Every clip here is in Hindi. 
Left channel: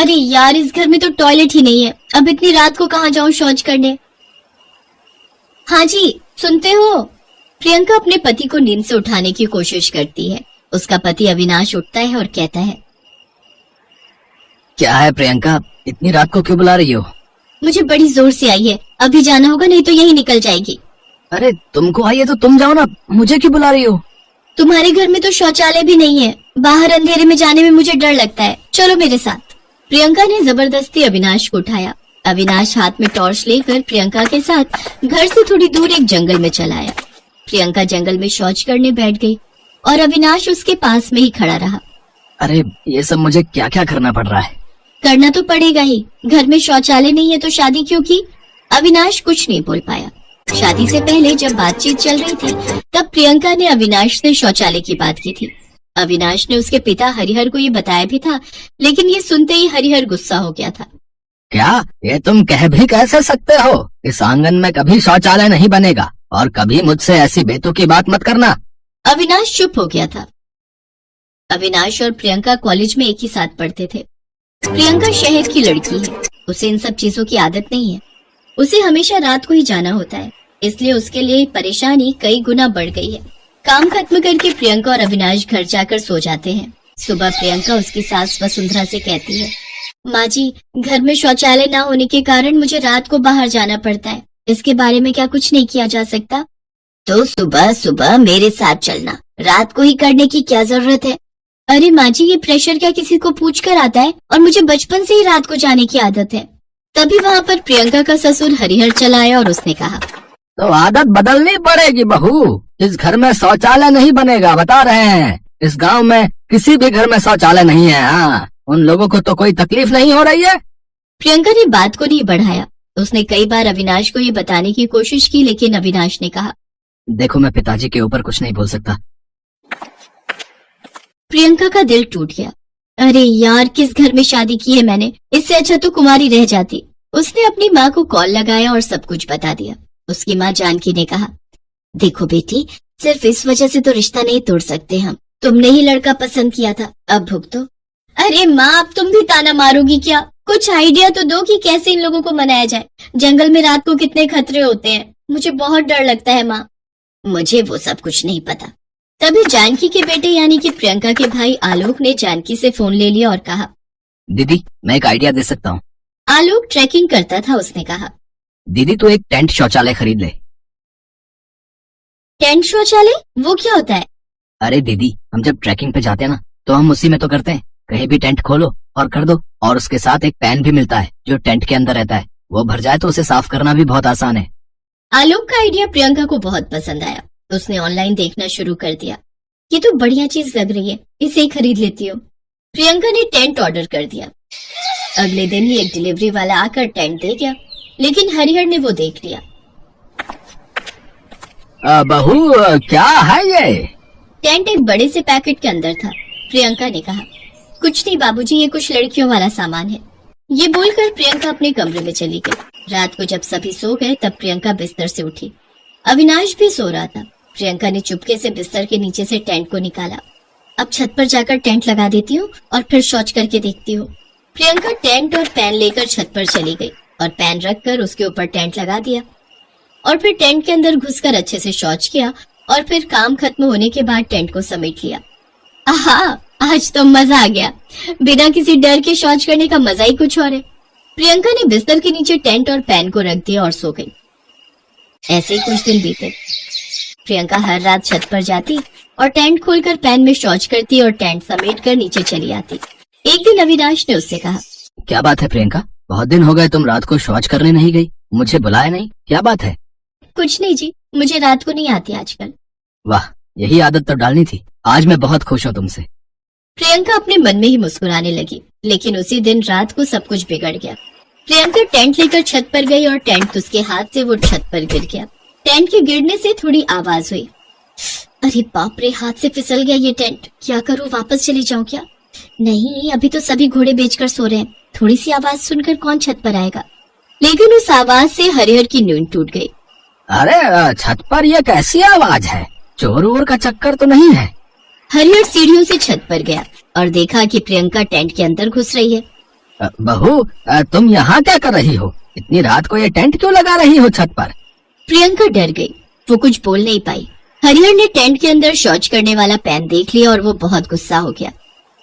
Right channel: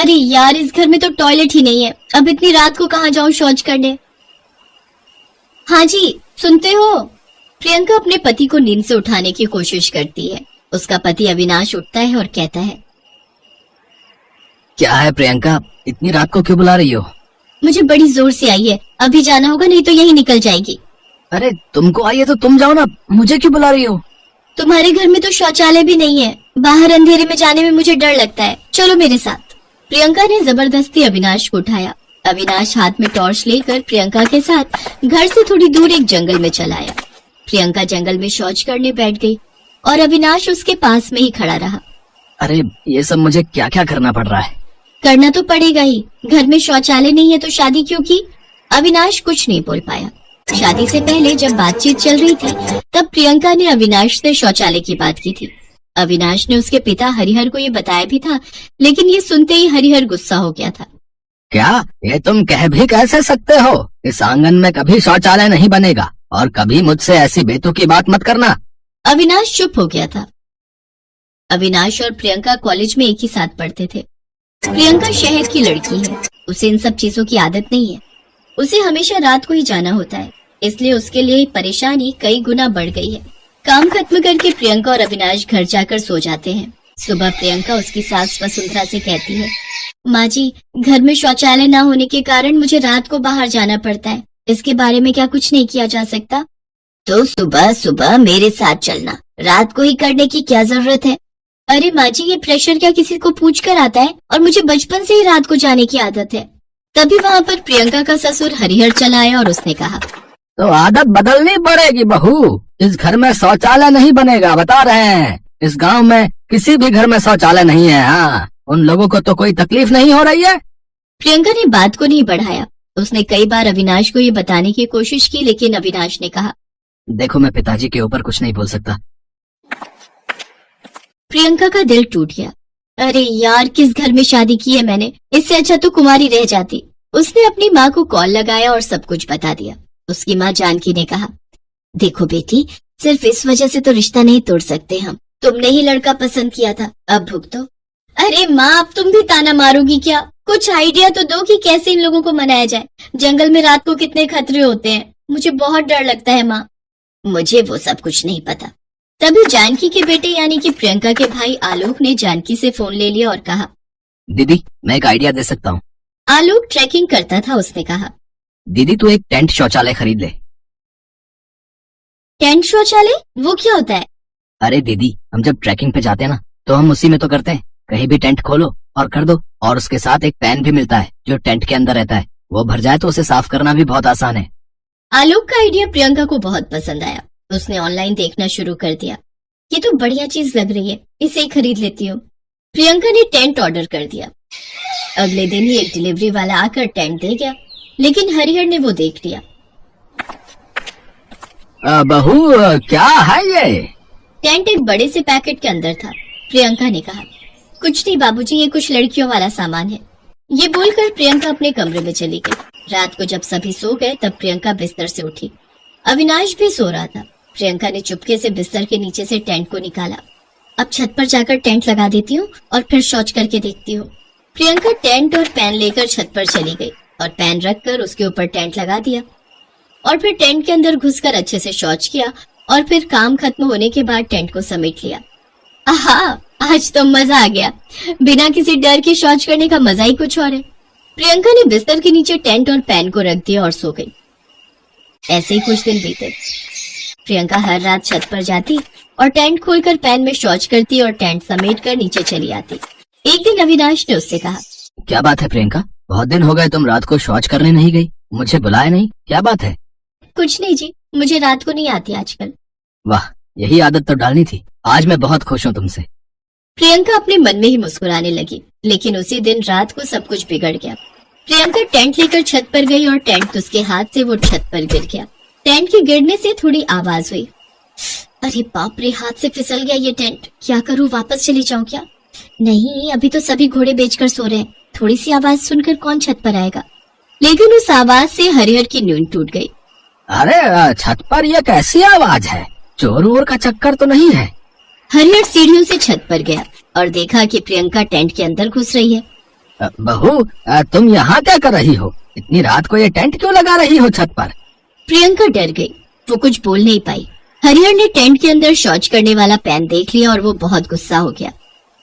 अरे यार, इस घर में तो टॉयलेट ही नहीं है। अब इतनी रात को कहाँ जाऊँ शौच करने। हाँ जी, सुनते हो? प्रियंका अपने पति को नींद से उठाने की कोशिश करती है। उसका पति अविनाश उठता है और कहता है, क्या है प्रियंका, इतनी रात को क्यों बुला रही हो? मुझे बड़ी जोर से आई है, अभी जाना होगा नहीं तो यही निकल जाएगी। अरे तुमको आई है तो तुम जाओ ना, मुझे क्यों बुला रही हो? तुम्हारे घर में तो शौचालय भी नहीं है, बाहर अंधेरे में जाने में मुझे डर लगता है, चलो मेरे साथ। प्रियंका ने जबरदस्ती अविनाश को उठाया। अविनाश हाथ में टॉर्च लेकर प्रियंका के साथ घर से थोड़ी दूर एक जंगल में चला आया। प्रियंका जंगल में शौच करने बैठ गई और अविनाश उसके पास में ही खड़ा रहा। अरे ये सब मुझे क्या क्या करना पड़ रहा है? करना तो पड़ेगा ही, घर में शौचालय नहीं है तो शादी क्यों की? अविनाश कुछ नहीं बोल पाया। शादी से पहले जब बातचीत चल रही थी तब प्रियंका ने अविनाश से शौचालय की बात की थी। अविनाश ने उसके पिता हरिहर को ये बताया भी था, लेकिन ये सुनते ही हरिहर गुस्सा हो गया था। क्या ये तुम कह भी कैसे सकते हो? इस आंगन में कभी शौचालय नहीं बनेगा और कभी मुझसे ऐसी बेतुकी बात मत करना। अविनाश चुप हो गया था। अविनाश और प्रियंका कॉलेज में एक ही साथ पढ़ते थे। प्रियंका शहर की लड़की है, उसे इन सब चीजों की आदत नहीं है। उसे हमेशा रात को ही जाना होता है, इसलिए उसके लिए परेशानी कई गुना बढ़ गई है। काम खत्म करके प्रियंका और अविनाश घर जाकर सो जाते हैं। सुबह प्रियंका उसकी सास वसुंधरा से कहती है, माँ जी, घर में शौचालय न होने के कारण मुझे रात को बाहर जाना पड़ता है, इसके बारे में क्या कुछ नहीं किया जा सकता? तो सुबह सुबह मेरे साथ चलना, रात को ही करने की क्या जरूरत है? अरे माँ जी, ये प्रेशर क्या किसी को पूछ कर आता है? और मुझे बचपन से ही रात को जाने की आदत है। तभी वहाँ पर प्रियंका का ससुर हरिहर चला आया और उसने कहा, तो आदत बदलनी पड़ेगी बहू, इस घर में शौचालय नहीं बनेगा, बता रहे हैं। इस गांव में किसी भी घर में शौचालय नहीं है। हाँ, उन लोगों को तो कोई तकलीफ नहीं हो रही है। प्रियंका ने बात को नहीं बढ़ाया। उसने कई बार अविनाश को ये बताने की कोशिश की, लेकिन अविनाश ने कहा, देखो मैं पिताजी के ऊपर कुछ नहीं बोल सकता। प्रियंका का दिल टूट गया। अरे यार, किस घर में शादी की है मैंने, इससे अच्छा तो कुंवारी रह जाती। उसने अपनी माँ को कॉल लगाया और सब कुछ बता दिया। उसकी माँ जानकी ने कहा, देखो बेटी, सिर्फ इस वजह से तो रिश्ता नहीं तोड़ सकते हम। तुमने ही लड़का पसंद किया था, अब भुगतो। अरे माँ, अब तुम भी ताना मारोगी क्या? कुछ आइडिया तो दो कि कैसे इन लोगों को मनाया जाए। जंगल में रात को कितने खतरे होते हैं, मुझे बहुत डर लगता है माँ। मुझे वो सब कुछ नहीं पता। तभी जानकी के बेटे यानी कि प्रियंका के भाई आलोक ने जानकी से फोन ले लिया और कहा, दीदी मैं एक आइडिया दे सकता हूँ। आलोक ट्रैकिंग करता था। उसने कहा, दीदी तू एक टेंट शौचालय खरीद ले। टेंट शौचालय? वो क्या होता है? अरे दीदी, हम जब ट्रैकिंग पे जाते हैं ना तो हम उसी में तो करते हैं। कहीं भी टेंट खोलो और कर दो, और उसके साथ एक पैन भी मिलता है जो टेंट के अंदर रहता है। वो भर जाए तो उसे साफ करना भी बहुत आसान है। आलोक का आइडिया प्रियंका को बहुत पसंद आया। उसने ऑनलाइन देखना शुरू कर दिया। ये तो बढ़िया चीज लग रही है, इसे ही खरीद लेती हूँ। प्रियंका ने टेंट ऑर्डर कर दिया। अगले दिन ही एक डिलीवरी वाला आकर टेंट दे गया, लेकिन हरिहर ने वो देख लिया। बहू क्या है ये? टेंट एक बड़े से पैकेट के अंदर था। प्रियंका ने कहा, कुछ नहीं बाबूजी, ये कुछ लड़कियों वाला सामान है। ये बोलकर प्रियंका अपने कमरे में चली गई। रात को जब सभी सो गए तब प्रियंका बिस्तर से उठी। अविनाश भी सो रहा था। प्रियंका ने चुपके से बिस्तर के नीचे से टेंट को निकाला। अब छत पर जाकर टेंट लगा देती हूँ और फिर शौच करके देखती हूँ। प्रियंका टेंट और पैन लेकर छत पर चली गई और पैन रखकर उसके ऊपर टेंट लगा दिया और फिर टेंट के अंदर घुसकर अच्छे से शौच किया और फिर काम खत्म होने के बाद टेंट को समेट लिया। आहा, आज तो मजा आ गया। बिना किसी डर के शौच करने का मजा ही कुछ और है। प्रियंका ने बिस्तर के नीचे टेंट और पैन को रख दिया और सो गई। ऐसे ही कुछ दिन बीते। प्रियंका हर रात छत पर जाती और टेंट खोलकर पैन में शौच करती और टेंट समेट कर नीचे चली आती। एक दिन अविनाश ने उससे कहा, क्या बात है प्रियंका, बहुत दिन हो गए तुम रात को शौच करने नहीं गई, मुझे बुलाया नहीं, क्या बात है? कुछ नहीं जी, मुझे रात को नहीं आती आजकल। वाह, यही आदत तो डालनी थी। आज मैं बहुत खुश हूँ तुमसे। प्रियंका अपने मन में ही मुस्कुराने लगी, लेकिन उसी दिन रात को सब कुछ बिगड़ गया। प्रियंका टेंट लेकर छत पर गई और टेंट उसके हाथ से वो छत पर गिर गया। टेंट के गिरने से थोड़ी आवाज हुई। अरे बाप रे, हाथ से फिसल गया ये टेंट। क्या करूँ, वापस चली जाऊँ क्या? नहीं, अभी तो सभी घोड़े बेचकर सो रहे हैं, थोड़ी सी आवाज सुनकर कौन छत पर आएगा। लेकिन उस आवाज से हरिहर की नींद टूट गई। अरे छत पर ये कैसी आवाज है? चोर वोर का चक्कर तो नहीं है? हरिहर सीढ़ियों से छत पर गया और देखा कि प्रियंका टेंट के अंदर घुस रही है। बहू, तुम यहाँ क्या कर रही हो? इतनी रात को ये टेंट क्यों लगा रही हो छत पर? प्रियंका डर गई, वो कुछ बोल नहीं पाई। हरिहर ने टेंट के अंदर शौच करने वाला पैन देख लिया और वो बहुत गुस्सा हो गया।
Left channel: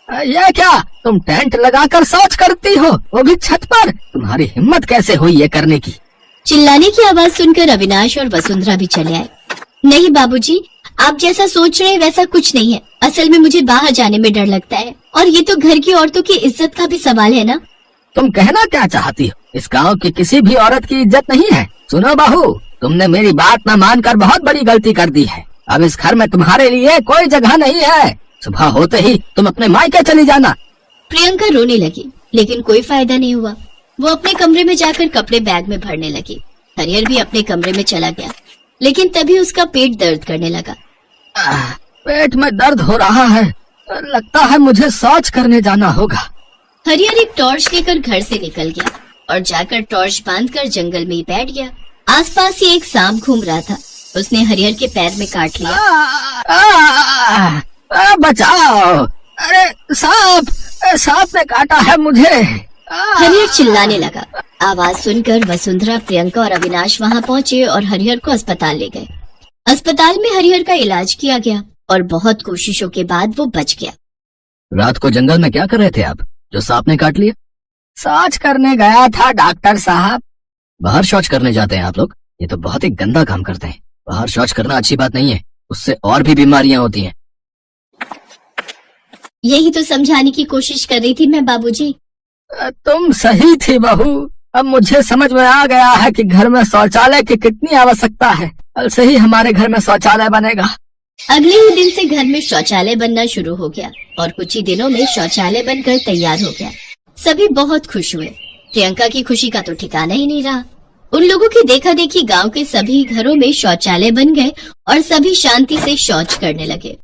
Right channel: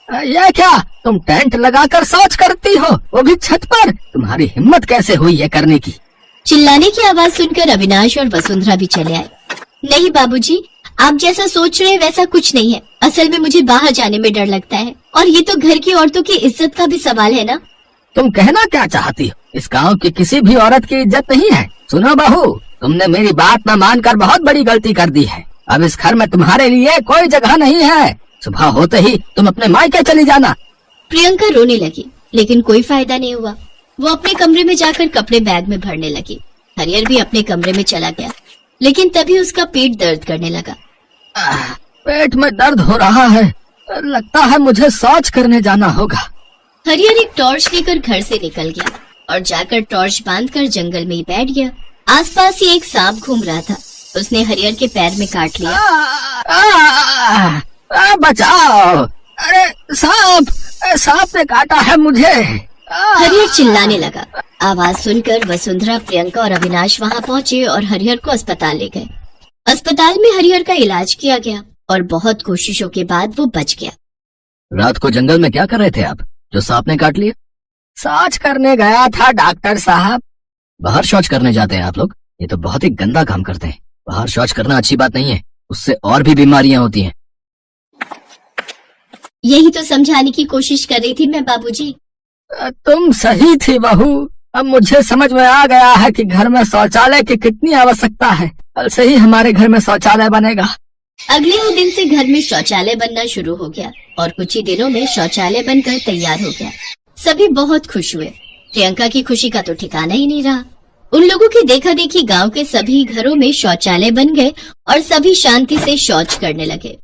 ये क्या, तुम टेंट लगाकर शौच करती हो, वो भी छत पर? तुम्हारी हिम्मत कैसे हुई ये करने की? चिल्लाने की आवाज सुनकर अविनाश और वसुंधरा भी चले आए। नहीं बाबूजी, आप जैसा सोच रहे हैं वैसा कुछ नहीं है। असल में मुझे बाहर जाने में डर लगता है, और ये तो घर की औरतों की इज्जत का भी सवाल है ना। तुम कहना क्या चाहती हो? इस गांव की किसी भी औरत की इज्जत नहीं है। सुनो बहू, तुमने मेरी बात न मानकर बहुत बड़ी गलती कर दी है। अब इस घर में तुम्हारे लिए कोई जगह नहीं है। सुबह होते ही तुम अपने मायके चली जाना। प्रियंका रोने लगी, लेकिन कोई फायदा नहीं हुआ। वो अपने कमरे में जाकर कपड़े बैग में भरने लगी। हरिहर भी अपने कमरे में चला गया, लेकिन तभी उसका पेट दर्द करने लगा। पेट में दर्द हो रहा है, लगता है मुझे शौच करने जाना होगा। हरिहर एक टॉर्च लेकर घर से निकल गया और जाकर टॉर्च बांधकर जंगल में ही बैठ गया। आसपास ही एक सांप घूम रहा था। उसने हरिहर के पैर में काट लिया। बचाओ! अरे सांप ने काटा है मुझे। हरिहर चिल्लाने लगा। आवाज सुनकर वसुंधरा, प्रियंका और अविनाश वहां पहुंचे और हरिहर को अस्पताल ले गए। अस्पताल में हरिहर का इलाज किया गया और बहुत कोशिशों के बाद वो बच गया। रात को जंगल में क्या कर रहे थे आप, जो सांप ने काट लिया? शौच करने गया था डॉक्टर साहब। बाहर शौच करने जाते हैं आप लोग? ये तो बहुत ही गंदा काम करते हैं। बाहर शौच करना अच्छी बात नहीं है, उससे और भी बीमारियां होती हैं। यही तो समझाने की कोशिश कर रही थी मैं बाबूजी। तुम सही थी बहू। अब मुझे समझ में आ गया है कि घर में शौचालय की कितनी आवश्यकता है। कल से ही हमारे घर में शौचालय बनेगा। अगले ही दिन से घर में शौचालय बनना शुरू हो गया और कुछ ही दिनों में शौचालय बनकर तैयार हो गया। सभी बहुत खुश हुए। प्रियंका की खुशी का तो ठिकाना ही नहीं रहा। उन लोगों की देखा देखी गांव के सभी घरों में शौचालय बन गए और सभी शांति से शौच करने लगे।